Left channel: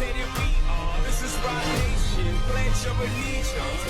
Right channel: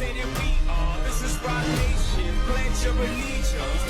say that we are. This is Rock Nation. Pledge your allegiance.